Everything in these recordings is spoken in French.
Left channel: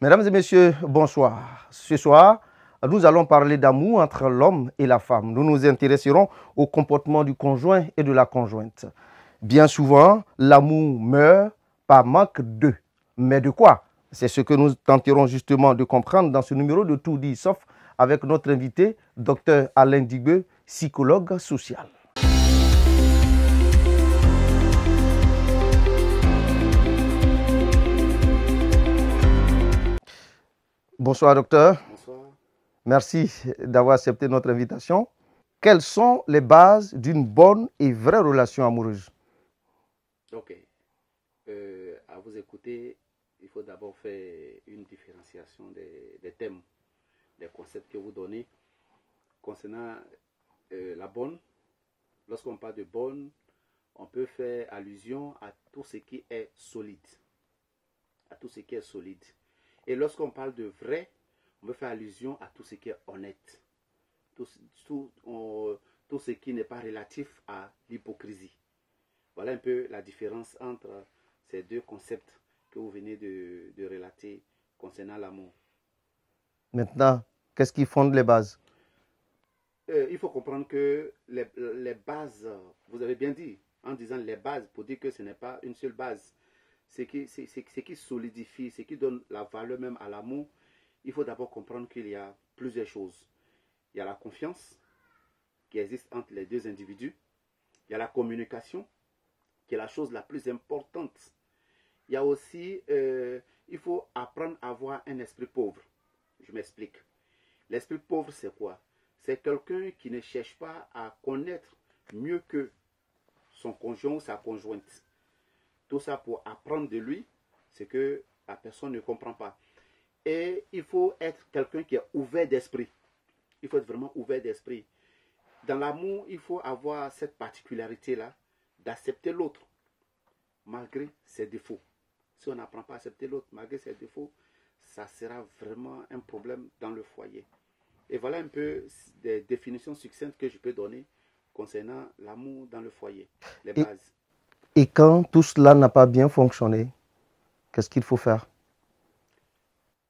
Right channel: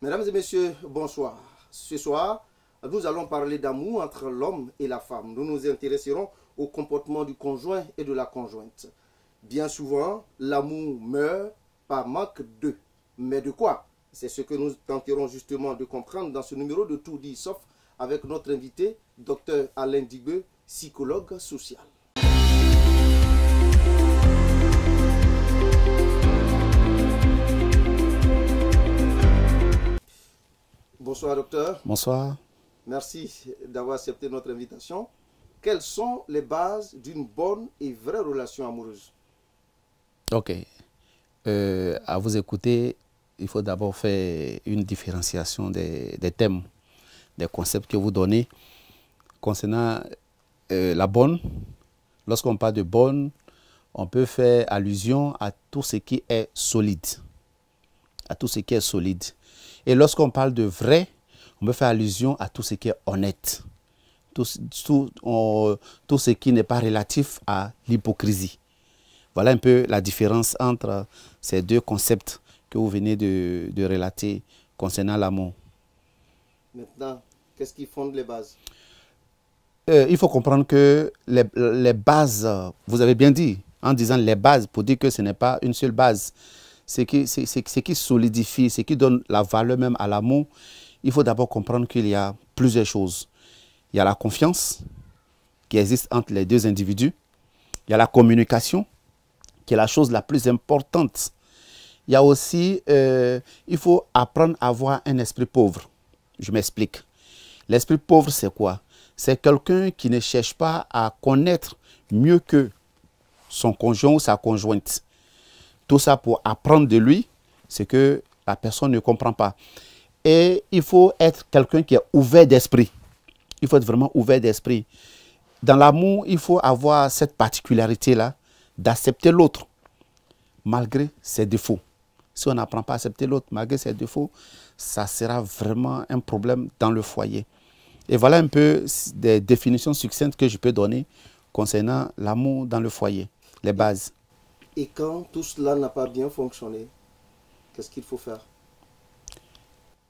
Mesdames et messieurs, bonsoir. Ce soir, nous allons parler d'amour entre l'homme et la femme. Nous nous intéresserons au comportement du conjoint et de la conjointe. Bien souvent, l'amour meurt par manque de. Mais de quoi? C'est ce que nous tenterons justement de comprendre dans ce numéro de Tout dit sauf avec notre invité, Dr Alain Digbeu, psychologue social. Bonsoir docteur. Bonsoir. Merci d'avoir accepté notre invitation. Quelles sont les bases d'une bonne et vraie relation amoureuse? Ok. À vous écouter, il faut d'abord faire une différenciation des thèmes, des concepts que vous donnez. Concernant la bonne, lorsqu'on parle de bonne, on peut faire allusion à tout ce qui est solide. À tout ce qui est solide. Et lorsqu'on parle de vrai, on peut faire allusion à tout ce qui est honnête. Tout ce qui n'est pas relatif à l'hypocrisie. Voilà un peu la différence entre ces deux concepts que vous venez de relater concernant l'amour. Maintenant, qu'est-ce qui fonde les bases? Il faut comprendre que les bases, vous avez bien dit, en disant les bases, pour dire que ce n'est pas une seule base. Ce qui solidifie, ce qui donne la valeur même à l'amour, il faut d'abord comprendre qu'il y a plusieurs choses. Il y a la confiance qui existe entre les deux individus. Il y a la communication, qui est la chose la plus importante. Il y a aussi, il faut apprendre à avoir un esprit pauvre. Je m'explique. L'esprit pauvre, c'est quoi? C'est quelqu'un qui ne cherche pas à connaître mieux que son conjoint ou sa conjointe. Tout ça pour apprendre de lui, c'est que la personne ne comprend pas. Et il faut être quelqu'un qui est ouvert d'esprit. Il faut être vraiment ouvert d'esprit. Dans l'amour, il faut avoir cette particularité-là d'accepter l'autre malgré ses défauts. Si on n'apprend pas à accepter l'autre malgré ses défauts, ça sera vraiment un problème dans le foyer. Et voilà un peu des définitions succinctes que je peux donner concernant l'amour dans le foyer, les bases. Et quand tout cela n'a pas bien fonctionné, qu'est-ce qu'il faut faire?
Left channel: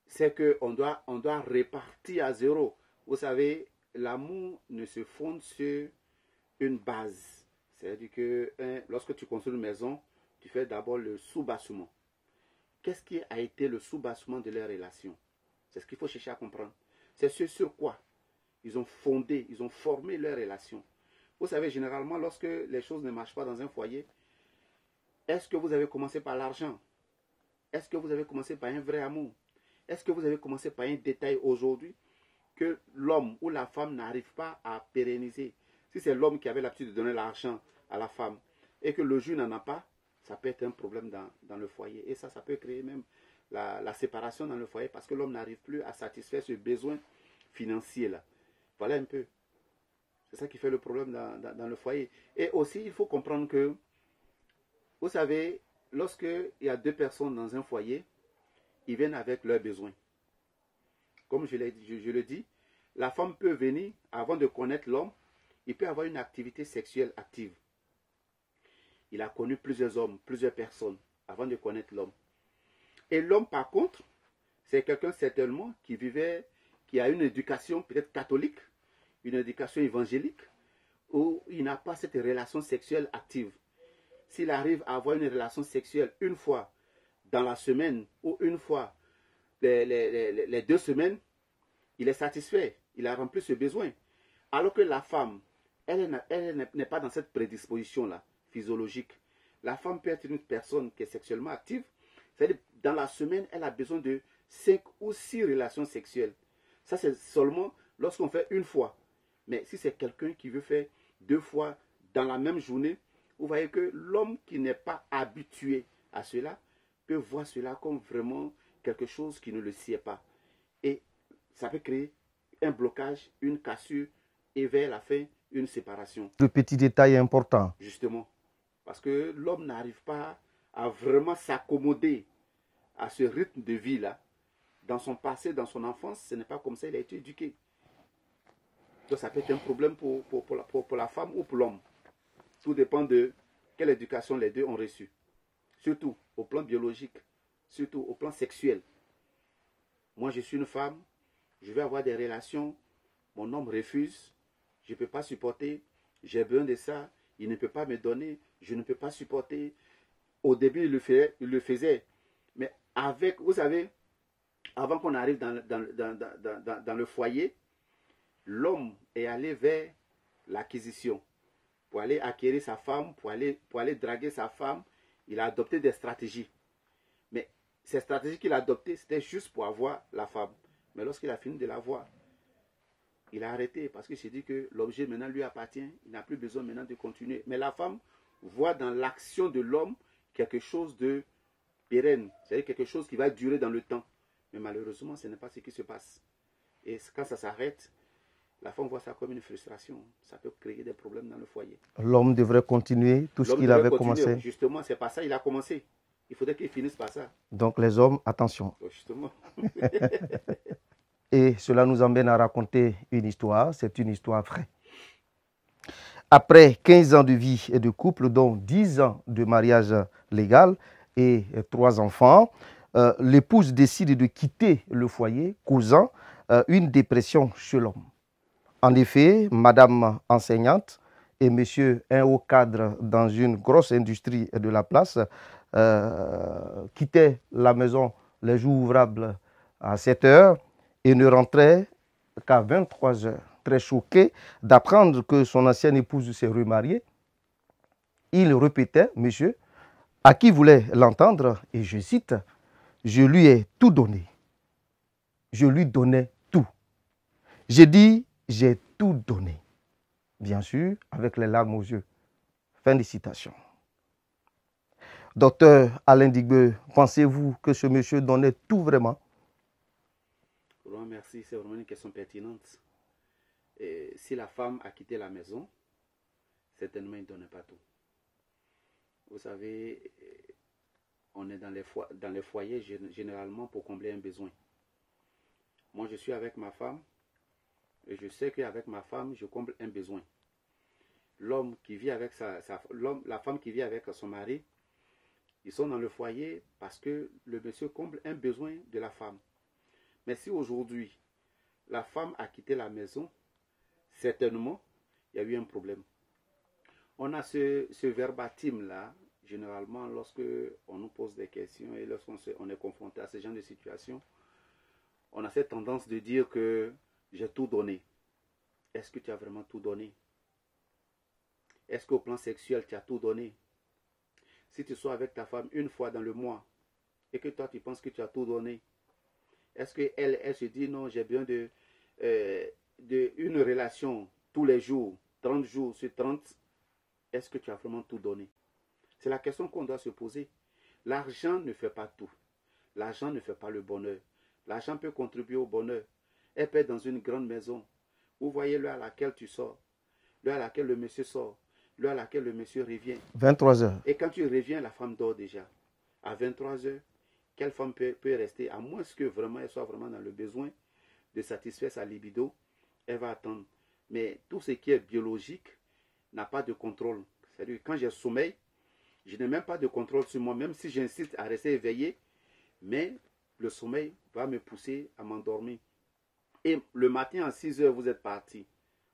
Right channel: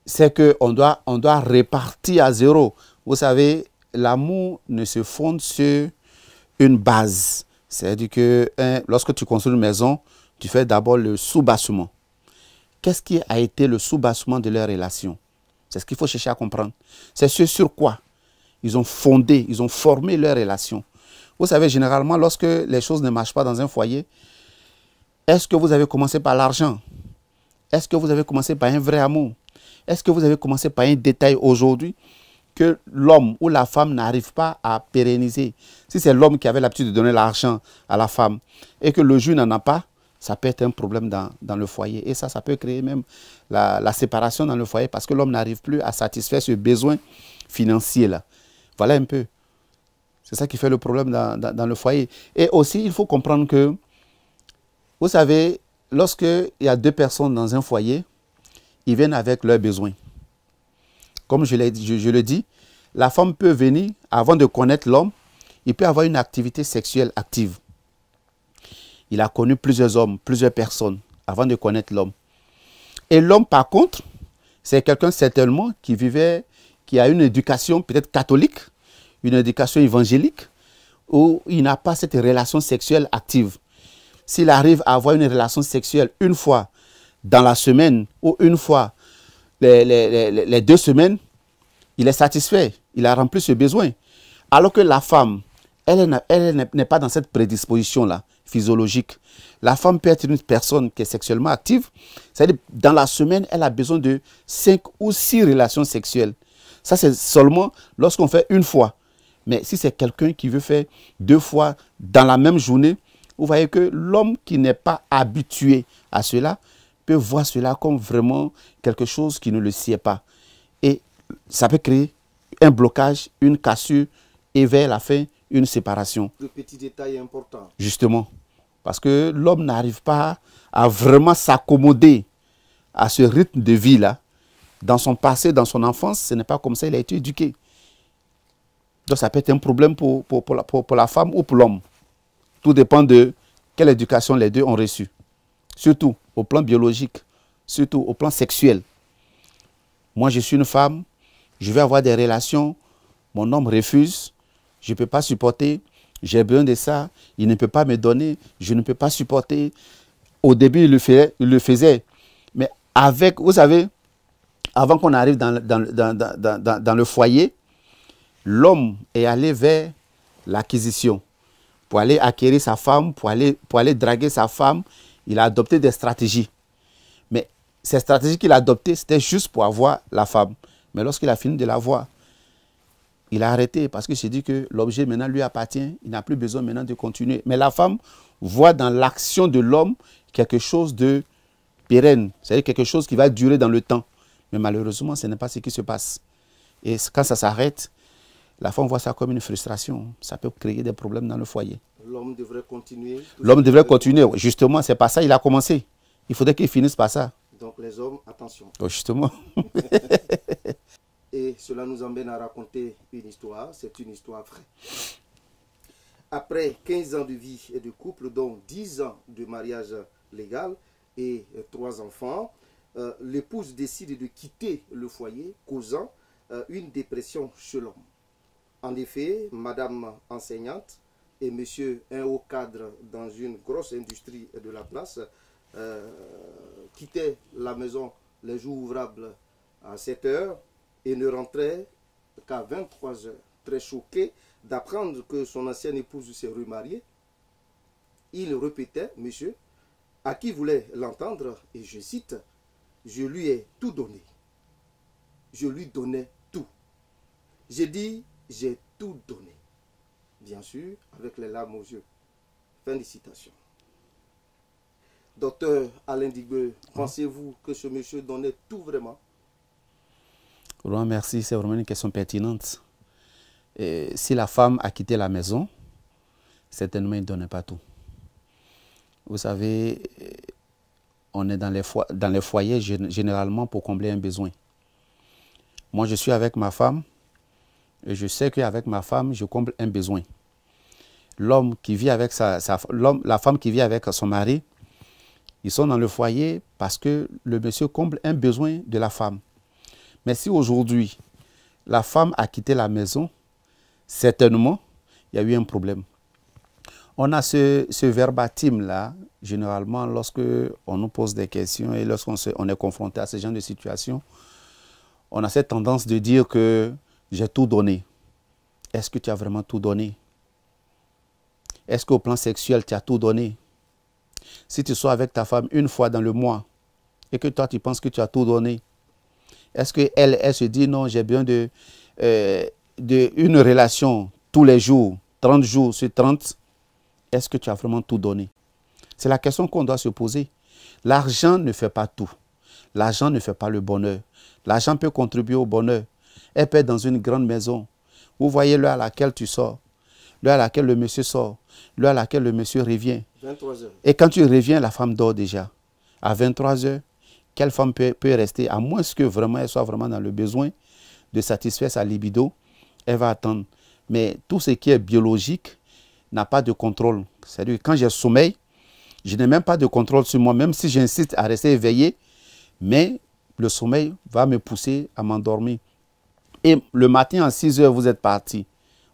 C'est qu'on doit, répartir à zéro. Vous savez, l'amour ne se fonde sur une base. C'est-à-dire que lorsque tu construis une maison, tu fais d'abord le sous-bassement. Qu'est-ce qui a été le sous-bassement de leur relation? C'est ce qu'il faut chercher à comprendre. C'est ce sur quoi ils ont fondé, ils ont formé leur relation. Vous savez, généralement, lorsque les choses ne marchent pas dans un foyer, est-ce que vous avez commencé par l'argent? Est-ce que vous avez commencé par un vrai amour? Est-ce que vous avez commencé par un détail aujourd'hui que l'homme ou la femme n'arrive pas à pérenniser? Si c'est l'homme qui avait l'habitude de donner l'argent à la femme et que le juge n'en a pas, ça peut être un problème dans le foyer. Et ça peut créer même la séparation dans le foyer parce que l'homme n'arrive plus à satisfaire ce besoin financier-là. Voilà un peu. C'est ça qui fait le problème dans le foyer. Et aussi, il faut comprendre que, vous savez, lorsqu'il y a deux personnes dans un foyer, ils viennent avec leurs besoins. Comme je le dis, la femme peut venir, avant de connaître l'homme, il peut avoir une activité sexuelle active. Il a connu plusieurs hommes, plusieurs personnes, avant de connaître l'homme. Et l'homme, par contre, c'est quelqu'un certainement qui a une éducation peut-être catholique, une éducation évangélique, où il n'a pas cette relation sexuelle active. S'il arrive à avoir une relation sexuelle une fois dans la semaine ou une fois les 2 semaines, il est satisfait, il a rempli ce besoin. Alors que la femme, elle n'est pas dans cette prédisposition-là, physiologique. La femme peut être une personne qui est sexuellement active, c'est-à-dire dans la semaine, elle a besoin de 5 ou 6 relations sexuelles. Ça, c'est seulement lorsqu'on fait une fois. Mais si c'est quelqu'un qui veut faire 2 fois dans la même journée, vous voyez que l'homme qui n'est pas habitué à cela peut voir cela comme vraiment quelque chose qui ne le sied pas. Et ça peut créer un blocage, une cassure et vers la fin, une séparation. Le petit détail est important. Justement, parce que l'homme n'arrive pas à vraiment s'accommoder à ce rythme de vie-là. Dans son passé, dans son enfance, ce n'est pas comme ça qu'il a été éduqué. Donc ça peut être un problème pour la femme ou pour l'homme. Tout dépend de quelle éducation les deux ont reçue. Surtout au plan biologique, surtout au plan sexuel. Moi, je suis une femme, je vais avoir des relations, mon homme refuse, je ne peux pas supporter, j'ai besoin de ça, il ne peut pas me donner, je ne peux pas supporter. Au début, il le faisait. Mais avec, vous savez, avant qu'on arrive dans le foyer, l'homme est allé vers l'acquisition. Pour aller acquérir sa femme, pour aller draguer sa femme, il a adopté des stratégies. Mais ces stratégies qu'il a adoptées, c'était juste pour avoir la femme. Mais lorsqu'il a fini de l'avoir, il a arrêté parce qu'il s'est dit que l'objet maintenant lui appartient. Il n'a plus besoin maintenant de continuer. Mais la femme voit dans l'action de l'homme quelque chose de pérenne. C'est-à-dire quelque chose qui va durer dans le temps. Mais malheureusement, ce n'est pas ce qui se passe. Et quand ça s'arrête, la femme voit ça comme une frustration. Ça peut créer des problèmes dans le foyer. L'homme devrait continuer. L'homme devrait continuer. Justement, c'est pas ça, il a commencé. Il faudrait qu'il finisse par ça. Donc les hommes, attention. Oh, justement. Et cela nous amène à raconter une histoire. C'est une histoire vraie. Après 15 ans de vie et de couple, dont 10 ans de mariage légal et 3 enfants, l'épouse décide de quitter le foyer, causant une dépression chez l'homme. En effet, madame enseignante et monsieur un haut cadre dans une grosse industrie de la place quittaient la maison les jours ouvrables à 7 heures et ne rentraient qu'à 23 heures. Très choqué d'apprendre que son ancienne épouse s'est remariée, il répétait, monsieur, à qui voulait l'entendre, et je cite, « Je lui ai tout donné. Je lui donnais tout. J'ai dit, j'ai tout donné. » Bien sûr, avec les larmes aux yeux. Fin de citation. Docteur Alain Digbeu, pensez-vous que ce monsieur donnait tout vraiment? Vraiment, merci, c'est vraiment une question pertinente. Et si la femme a quitté la maison, certainement il ne donnait pas tout. Vous savez, on est dans les foyers généralement pour combler un besoin. Moi, je suis avec ma femme et je sais qu'avec ma femme, je comble un besoin. L'homme qui vit avec la femme qui vit avec son mari, ils sont dans le foyer parce que le monsieur comble un besoin de la femme. Mais si aujourd'hui, la femme a quitté la maison, certainement, il y a eu un problème. On a ce verbatim-là, généralement, lorsque on nous pose des questions et lorsqu'on est confronté à ce genre de situation, on a cette tendance de dire que j'ai tout donné. Est-ce que tu as vraiment tout donné? Est-ce qu'au plan sexuel, tu as tout donné? Si tu sois avec ta femme une fois dans le mois et que toi, tu penses que tu as tout donné, est-ce qu'elle se dit non, j'ai besoin d'une relation tous les jours, 30 jours sur 30, est-ce que tu as vraiment tout donné? C'est la question qu'on doit se poser. L'argent ne fait pas tout. L'argent ne fait pas le bonheur. L'argent peut contribuer au bonheur. Elle peut être dans une grande maison. Vous voyez l'heure à laquelle tu sors, l'heure à laquelle le monsieur sort, l'heure à laquelle le monsieur revient. 23 heures. Et quand tu reviens, la femme dort déjà. À 23 heures, quelle femme peut rester, à moins que vraiment elle soit vraiment dans le besoin de satisfaire sa libido, elle va attendre. Mais tout ce qui est biologique n'a pas de contrôle. C'est-à-dire que quand j'ai sommeil, je n'ai même pas de contrôle sur moi, même si j'insiste à rester éveillé, mais le sommeil va me pousser à m'endormir. Et le matin à 6 heures, vous êtes parti.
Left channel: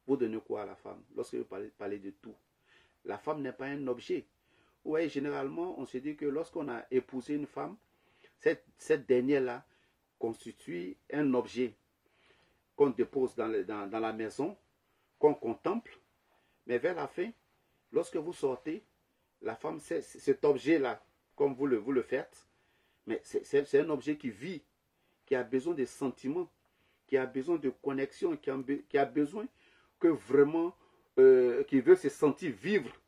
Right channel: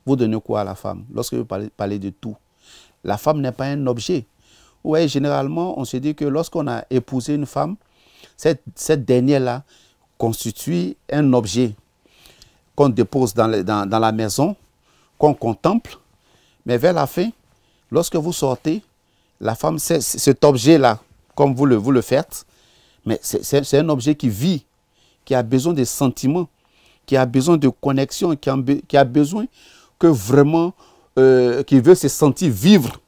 Vous donnez quoi à la femme? Lorsque vous parlez de tout. La femme n'est pas un objet. Oui, généralement, on se dit que lorsqu'on a épousé une femme, cette dernière-là constitue un objet qu'on dépose dans la maison, qu'on contemple, mais vers la fin, lorsque vous sortez, la femme, c'est cet objet-là, comme vous le faites, mais c'est un objet qui vit, qui a besoin de sentiments, qui a besoin de connexion, qui a besoin que vraiment, qui veut se sentir vivre,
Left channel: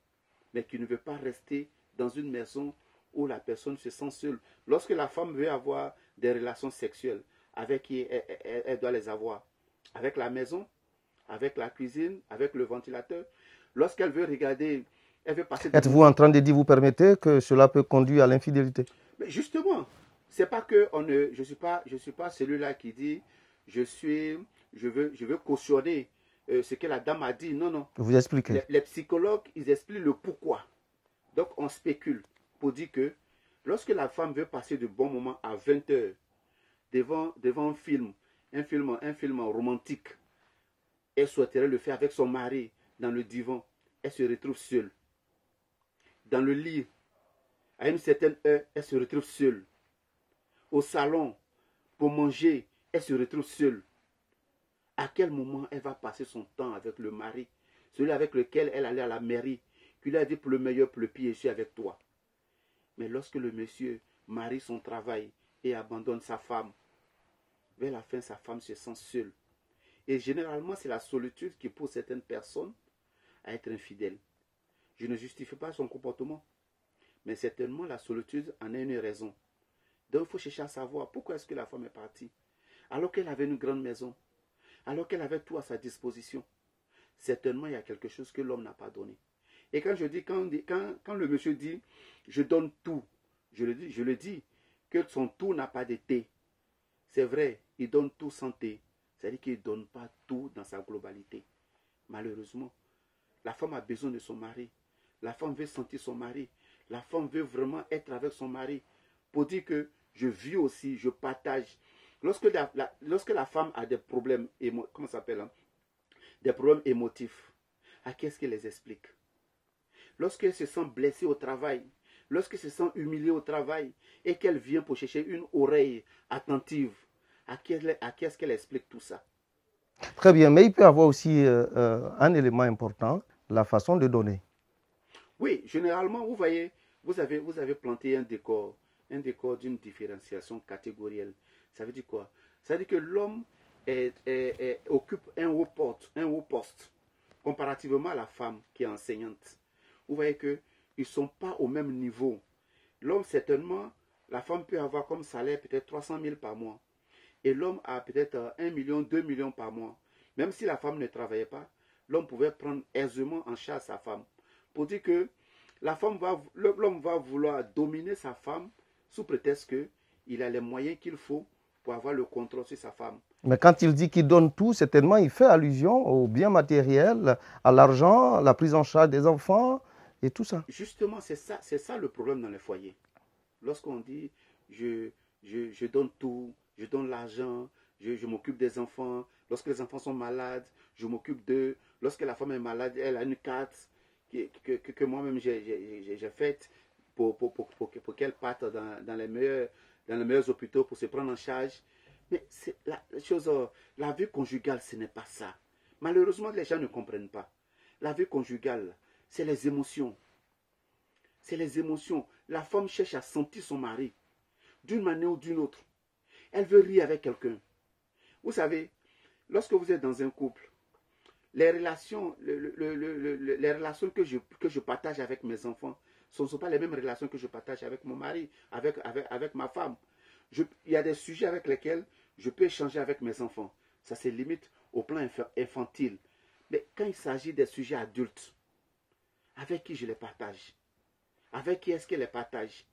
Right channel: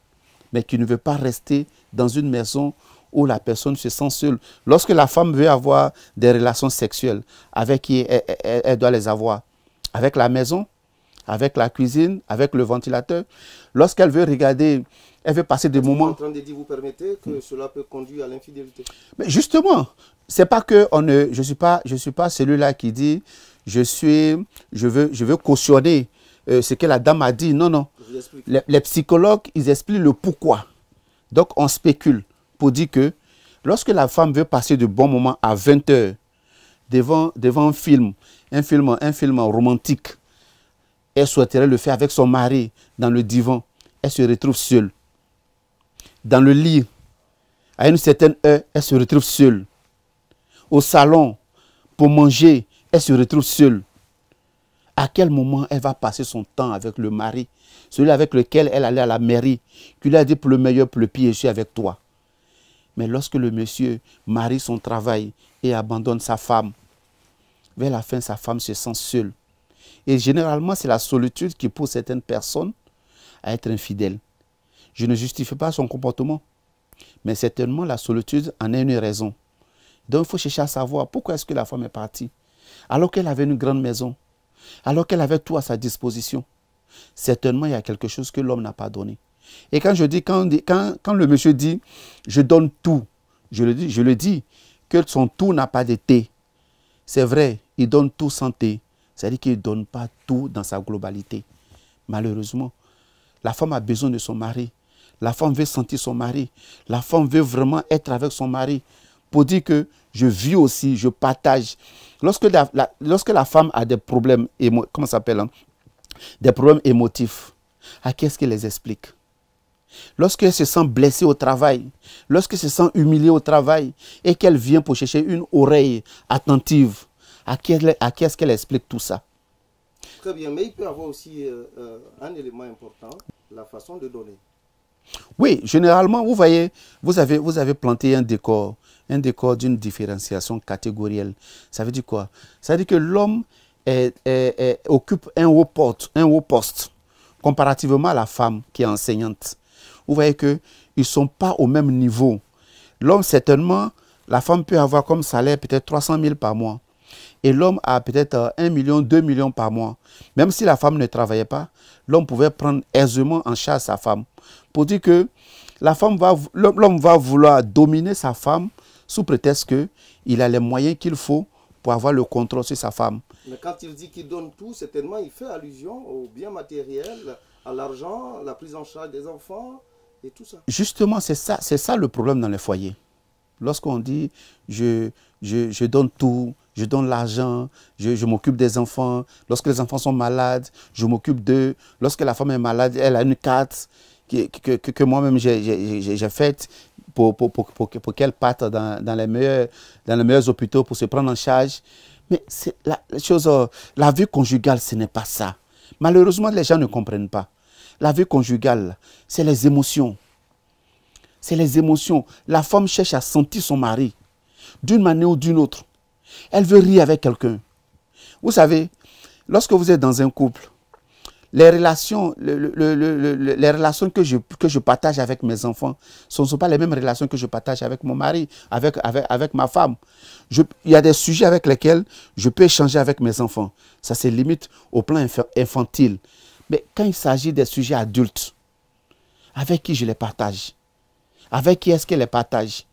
mais qui ne veut pas rester dans une maison où la personne se sent seule. Lorsque la femme veut avoir des relations sexuelles, avec qui elle doit les avoir? Avec la maison, avec la cuisine, avec le ventilateur. Lorsqu'elle veut regarder, elle veut passer des moments... Êtes-vous en train de dire, vous permettez que cela peut conduire à l'infidélité? Mais justement, c'est pas que je suis pas celui-là qui dit je veux cautionner ce que la dame a dit. Non, non. Vous expliquez. Les psychologues, ils expliquent le pourquoi. Donc, on spécule pour dire que lorsque la femme veut passer de bons moments à 20 heures, devant un film romantique, elle souhaiterait le faire avec son mari dans le divan, elle se retrouve seule. Dans le lit, à une certaine heure, elle se retrouve seule. Au salon, pour manger, elle se retrouve seule. À quel moment elle va passer son temps avec le mari, celui avec lequel elle allait à la mairie, qui lui a dit pour le meilleur, pour le pire, je suis avec toi. Mais lorsque le monsieur marie son travail et abandonne sa femme, vers la fin, sa femme se sent seule. Et généralement, c'est la solitude qui pousse certaines personnes à être infidèles. Je ne justifie pas son comportement, mais certainement la solitude en est une raison. Donc il faut chercher à savoir pourquoi est-ce que la femme est partie, alors qu'elle avait une grande maison, alors qu'elle avait tout à sa disposition. Certainement, il y a quelque chose que l'homme n'a pas donné. Et quand le monsieur dit « je donne tout », je le dis que son tout n'a pas d'été. C'est vrai, il donne tout sans thé. C'est-à-dire qu'il ne donne pas tout dans sa globalité. Malheureusement, la femme a besoin de son mari. La femme veut sentir son mari. La femme veut vraiment être avec son mari. Pour dire que je vis aussi, je partage. Lorsque la femme a des problèmes, comment ça s'appelle, hein? Des problèmes émotifs, à qui est-ce qu'elle les explique? Lorsqu'elle se sent blessée au travail, lorsqu'elle se sent humiliée au travail et qu'elle vient pour chercher une oreille attentive, à qui est-ce qu'elle explique tout ça? Très bien, mais il peut y avoir aussi un élément important, la façon de donner. Oui, généralement, vous voyez, vous avez planté un décor d'une différenciation catégorielle. Ça veut dire quoi? Ça veut dire que l'homme occupe un haut poste comparativement à la femme qui est enseignante. Vous voyez qu'ils ne sont pas au même niveau. L'homme, certainement, la femme peut avoir comme salaire peut-être 300 000 par mois. Et l'homme a peut-être 1 million, 2 millions par mois. Même si la femme ne travaillait pas, l'homme pouvait prendre aisément en charge sa femme. Pour dire que l'homme va vouloir dominer sa femme sous prétexte qu'il a les moyens qu'il faut pour avoir le contrôle sur sa femme. Mais quand il dit qu'il donne tout, certainement, il fait allusion aux biens matériels, à l'argent, à la prise en charge des enfants et tout ça. Justement, c'est ça le problème dans les foyers. Lorsqu'on dit je donne tout, je donne l'argent, je m'occupe des enfants. Lorsque les enfants sont malades, je m'occupe d'eux. Lorsque la femme est malade, elle a une carte que moi-même j'ai faite pour qu'elle parte dans les meilleurs hôpitaux pour se prendre en charge. Mais la vie conjugale, ce n'est pas ça. Malheureusement, les gens ne comprennent pas. La vie conjugale, c'est les émotions. C'est les émotions. La femme cherche à sentir son mari d'une manière ou d'une autre. Elle veut rire avec quelqu'un. Vous savez, lorsque vous êtes dans un couple, les relations que je partage avec mes enfants, ce ne sont pas les mêmes relations que je partage avec mon mari, avec ma femme. Il y a des sujets avec lesquels je peux échanger avec mes enfants. Ça se limite au plan infantile. Mais quand il s'agit des sujets adultes, avec qui je les partage? Avec qui est-ce que les partage?